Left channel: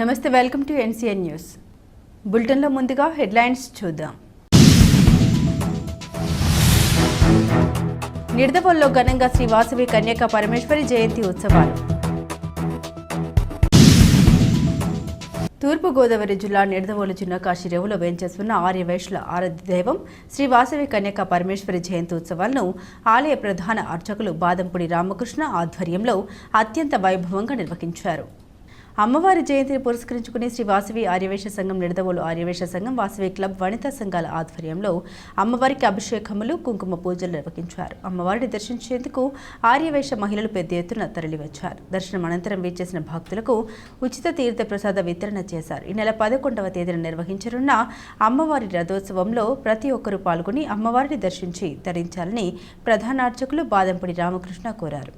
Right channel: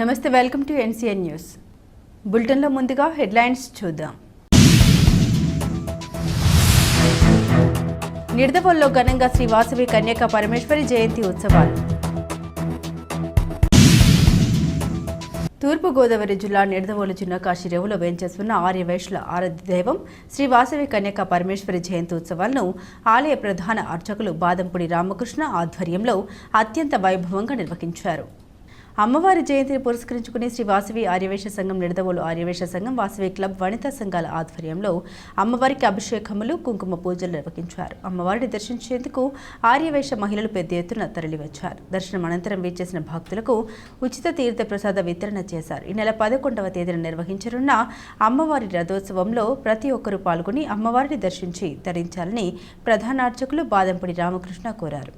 నమస్తే, welcome to NCN news. బులెటిన్లో ముందుగా హెడ్లైన్స్ చూద్దాం. నిడదవోలులో ఘనంగా శ్రీ వాసవి కన్యకా పరమేశ్వరి జయంతి ఉత్సవాలు. తూర్పుగోదావరి జిల్లా నిడదవోలు జిల్లా కాశీరేవులో వేంచేస్తున్న ఆర్యవైశ్యుల ఆరాధ్య దైవం శ్రీ వాసవి కన్యకా పరమేశ్వరి జయంతి ఉత్సవాలను ఆలయ ప్రధాన అర్చకులు బాదంపుడి రామకృష్ణ ఆధ్వర్యంలో అత్యంత వైభవంగా నిర్వహించారు. అమ్మవారి జయంతిని పురస్కరించుకుని శ్రీ వాసవి ఆర్యవైశ్య సంఘం, నిడదవోలు ఆర్యవైశ్య సంఘం, వాసవి క్లబ్, వనితా సంఘాల ఆధ్వర్యంలో అమ్మవారికి అభిషేకములు, కుంకుమ పూజలు నిర్వహించారు. అమ్మవారిని దర్శించేందుకు ఆర్యవైశ్య మహిళలు పెద్ద ఎత్తున తరలివచ్చారు. దర్శనం అనంతరం వీచేసిన భక్తులకు ఉచిత తీర్థ ప్రసాద వితరణ చేశారు. ఈ నెల 11వ తేదీన నిర్వహించనున్న అమ్మవారి రథోత్సవంలో ప్రతి ఒక్కరూ పాల్గొని అమ్మవారిని దర్శించి తరించాలని ప్రధాన అర్చకులు బాదంపుడి రామకృష్ణ కోరారు.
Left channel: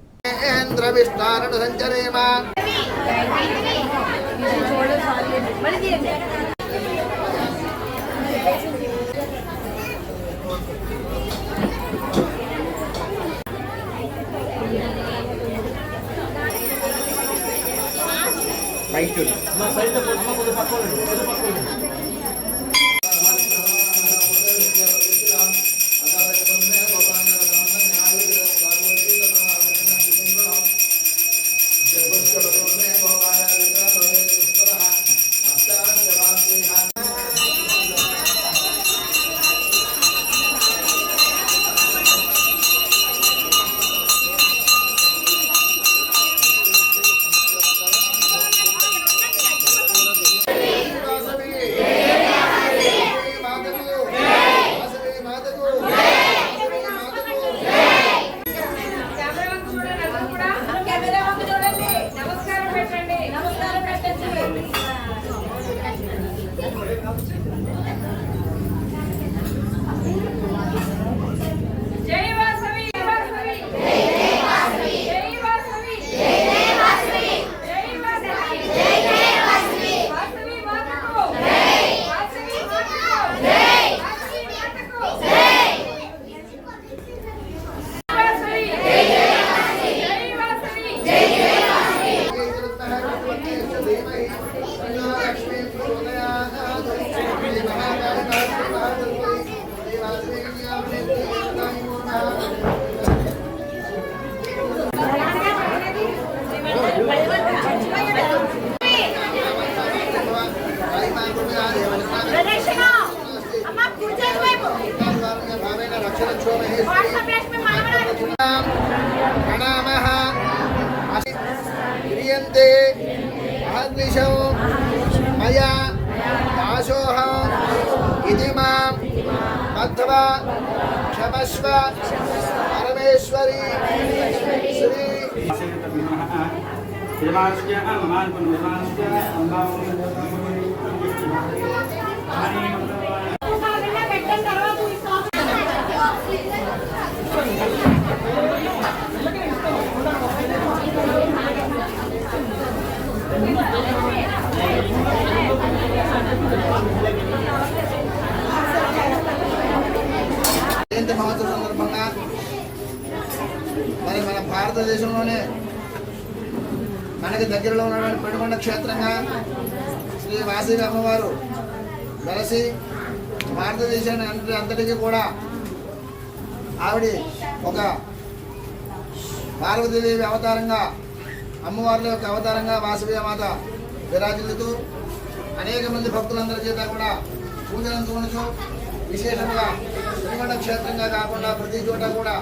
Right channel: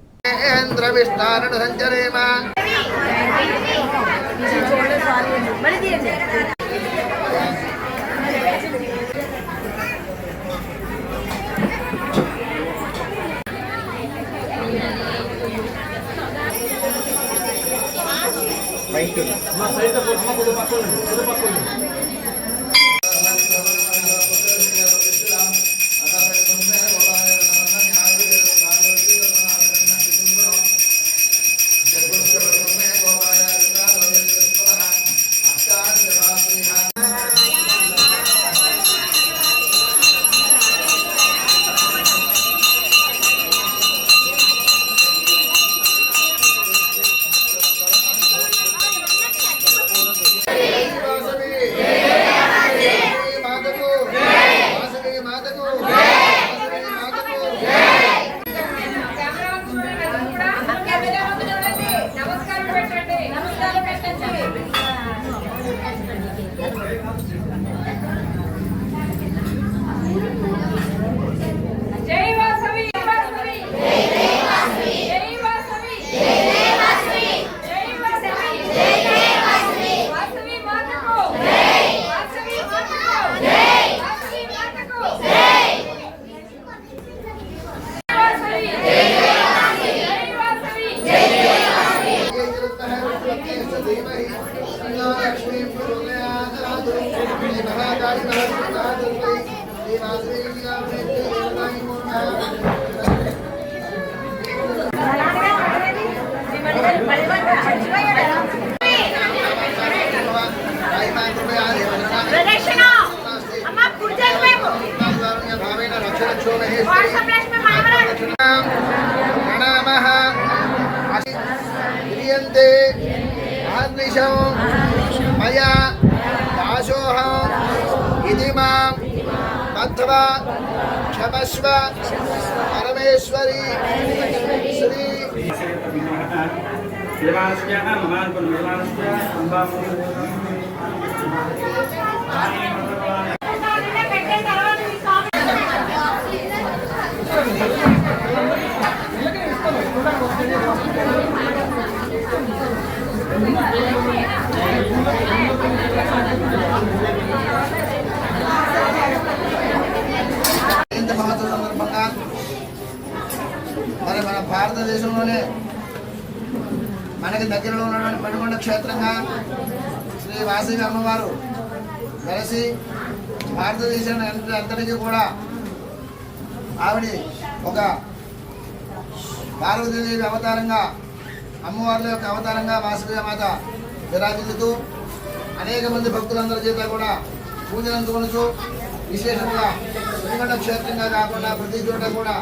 మయా ఆశోహం ఇది మాం అథవా క్షమస్వ పరమేశ్వరి శ్రీ మహోత్సవం సందర్భంగా మరి మన భారతదేశంలోనే మనకి దగ్గరలో ఉన్నటువంటి పెనుకొండ క్షేత్రంగా శ్రీ వాసవి అమ్మవారు వెలసి భారతదేశాన్ని అంతటికీ కూడా ఆవిడ ఒక పార్వతీదేవి అవతారంగా, అమ్మవార్ల యొక్క అవతారంగా వాసవి మాత విరాజిల్లుతూ అనేక మంది భక్తులందరి చేత కూడా పూజలు అందుకొనుచు విశేషంగా పెనుకొండ క్షేత్రంగా కాకుండా ప్రతి చోట కూడా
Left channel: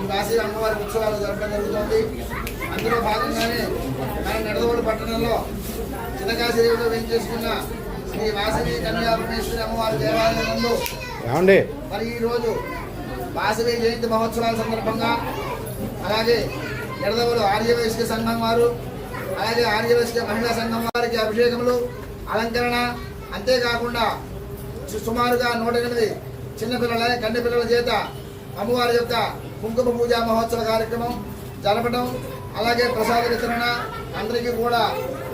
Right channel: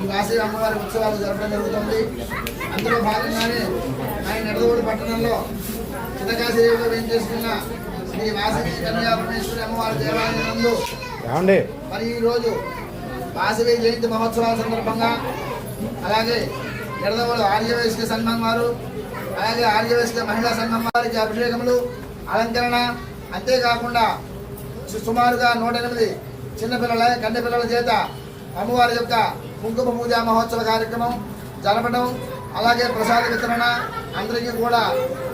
ఈ వాసవి అమ్మవారి ఉత్సవాలు జరపడం జరుగుతుంది. అందులో భాగంగానే మన నిడదవోలు పట్టణంలో చిన్నకాశీలో వేంచేసుకున్న శ్రీ వాసవి కన్యకా పరమేశ్వరి అమ్మవారి దేవాలయం నందు మరి ఈరోజు వాసవి జయంతి మహోత్సవాల సందర్భంగా అలాగే నిడదవోలు ఆర్యవైశ్య సంఘం వారు, అలాగే ఆర్యవైశ్య మహిళా సంఘం వారికి అభిషేకములు, అలంకరణ, అంతేకాకుండా సుమారుగా 108 చిన్నపిల్లల కన్నె పిల్లల చేత అమ్మవారి యొక్క కుంకుమ పూజా మహోత్సవ కార్యక్రమం జరపడం, అలాగే ప్రసాద వితరణ, అందరికీ కూడా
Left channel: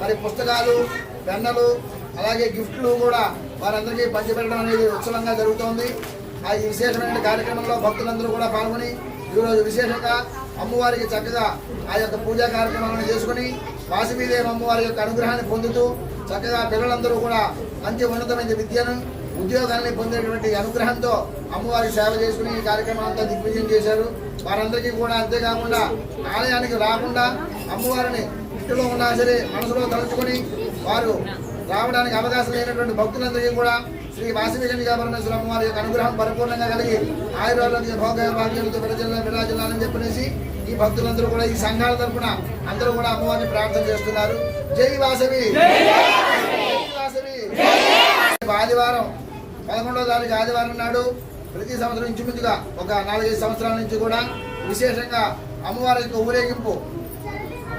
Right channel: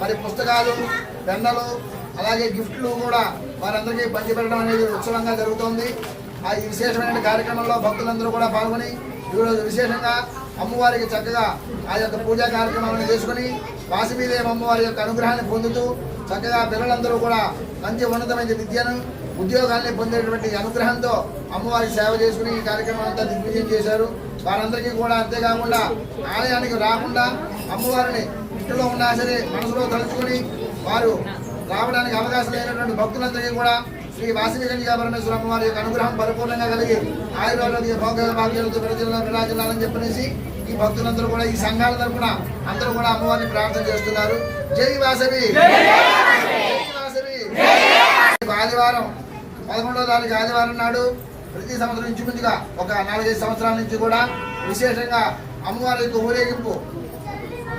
మరి పుస్తకాలు, పెన్నులు, అలాగే గిఫ్ట్లు కూడా వారందరికీ పంచిపెట్టడం అనేది ఉత్సవంగా జరుగుతోంది. ఆ ఈ విశేషమైన కార్యక్రమంలో భక్తులందరూ కూడా పాల్గొని ఈరోజు విశేషంగా అమ్మవారికి చక్కగా ఆ యొక్క పూజా కార్యక్రమాలను చేసుకుని వాసవీదేవి అమ్మవారి యొక్క అనుగ్రహాన్ని పొందుతూ చక్కగా పిల్లలందరూ కూడా మంచి ఉన్నతమైన విద్యను ఉద్యోగాల్ని పొందేటువంటి అనుగ్రహంతో అమ్మవారికి సేవ చేసుకుని ఈ కార్యక్రమం అంతా దిగ్విజయం చేశారు. వారందరికీ కూడా అంతేకాకుండా ఆలయానికి రాకుండా అమ్మవారిని ఇంటిలో ఉన్నా సరే మనసులో తలుచుకొని వారు రావడానికి అవకాశం లేనటువంటి భక్తులందరికీ కూడా శ్రీ వాసవి కన్యకా పరమేశ్వర అమ్మవారి యొక్క అనుగ్రహం పరిపూర్ణంగా కలిగి ఆయుర్వేద భోగాలతో ప్రజల్లో విరాజిల్లాలని చెప్పనేసి ఈ భక్తులందరూ కూడా ఈ సంఘాల తరఫున అందరూ కూడా అమ్మవారిని ప్రార్థన చేస్తున్నారు. జై వాసవి, వాసవి. ఆదివారం 11వ తారీఖు ఆదివారం నాడు ప్రతి సంవత్సరం ఇంచుమించుగా ఒక 4-5 సంవత్సరాల నుంచి కూడా విశేషంగా అమ్మవారి యొక్క ఊరేగింపు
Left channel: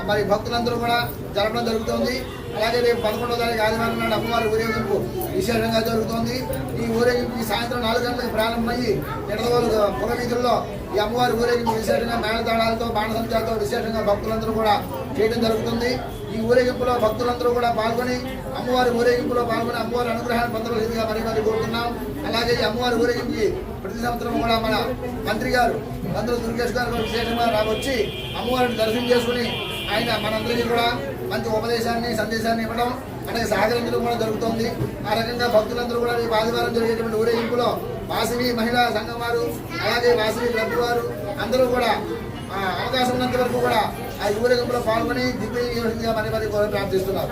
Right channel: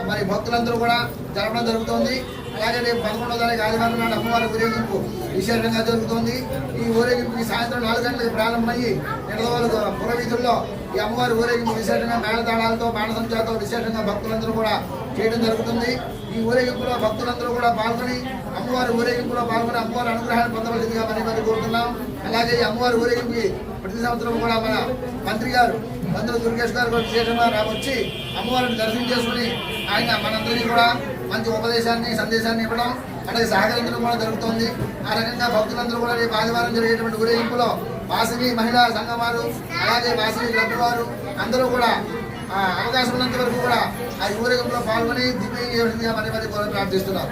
మరి భక్తులందరూ కూడా జరపడం జరుగుతోంది. అలాగే రేపు 11వ తారీఖు ఆదివారం నాడు అమ్మవారి ఊరేగింపు విశేషంగా జరుగుతోంది. ఈ ఊరేగింపు ఈ సాయంత్రం 4 గంటలకు ప్రారంభమయ్యి నిడదవోలు పురవీధుల్లో ఈ అమ్మవారి ఊరేగింపు విశేషంగా మేళతాళాలతో బాణసంచాలతో విశేషంగా భక్తులందరూ కూడా చేయడం జరుగుతుంది. ఈ ఊరేగింపులో భక్తులందరూ కూడా పాల్గొని అమ్మవారి ఊరేగింపులో పాల్గొని అమ్మవారి అనుగ్రహాన్ని పొందవలసిందిగా మరి కోరుతున్నాం. అలాగే ఈ అమ్మవారి ఊరేగింపుకి ప్రతి సంవత్సరం కూడా మన మంత్రి గారు మంత్రులు దుర్గేష్ గారు కూడా విశేషంగా వచ్చి అమ్మవారిని దర్శనం చేసుకుని ఆయన మనందరికీ కూడా మంచి ఉపదేశాన్ని సందేశాన్ని ఇవ్వడం అలాగే సహకరించడం కూడా జరుగుతుంది. ఆ రకంగా భక్తులందరూ కూడా రేపు ఆదివారం జరిగేటువంటి ఊరేగింపులో వాసవి మహిళా సంఘం వారు అలాగే వాసవి క్లబ్ వారు అందరూ కూడా అవకాశం ఉన్నంత వరకు కూడా ఆ ఊరేగింపులో పాల్గొని దివ్యంగా మరి ప్రార్థిస్తున్నారు.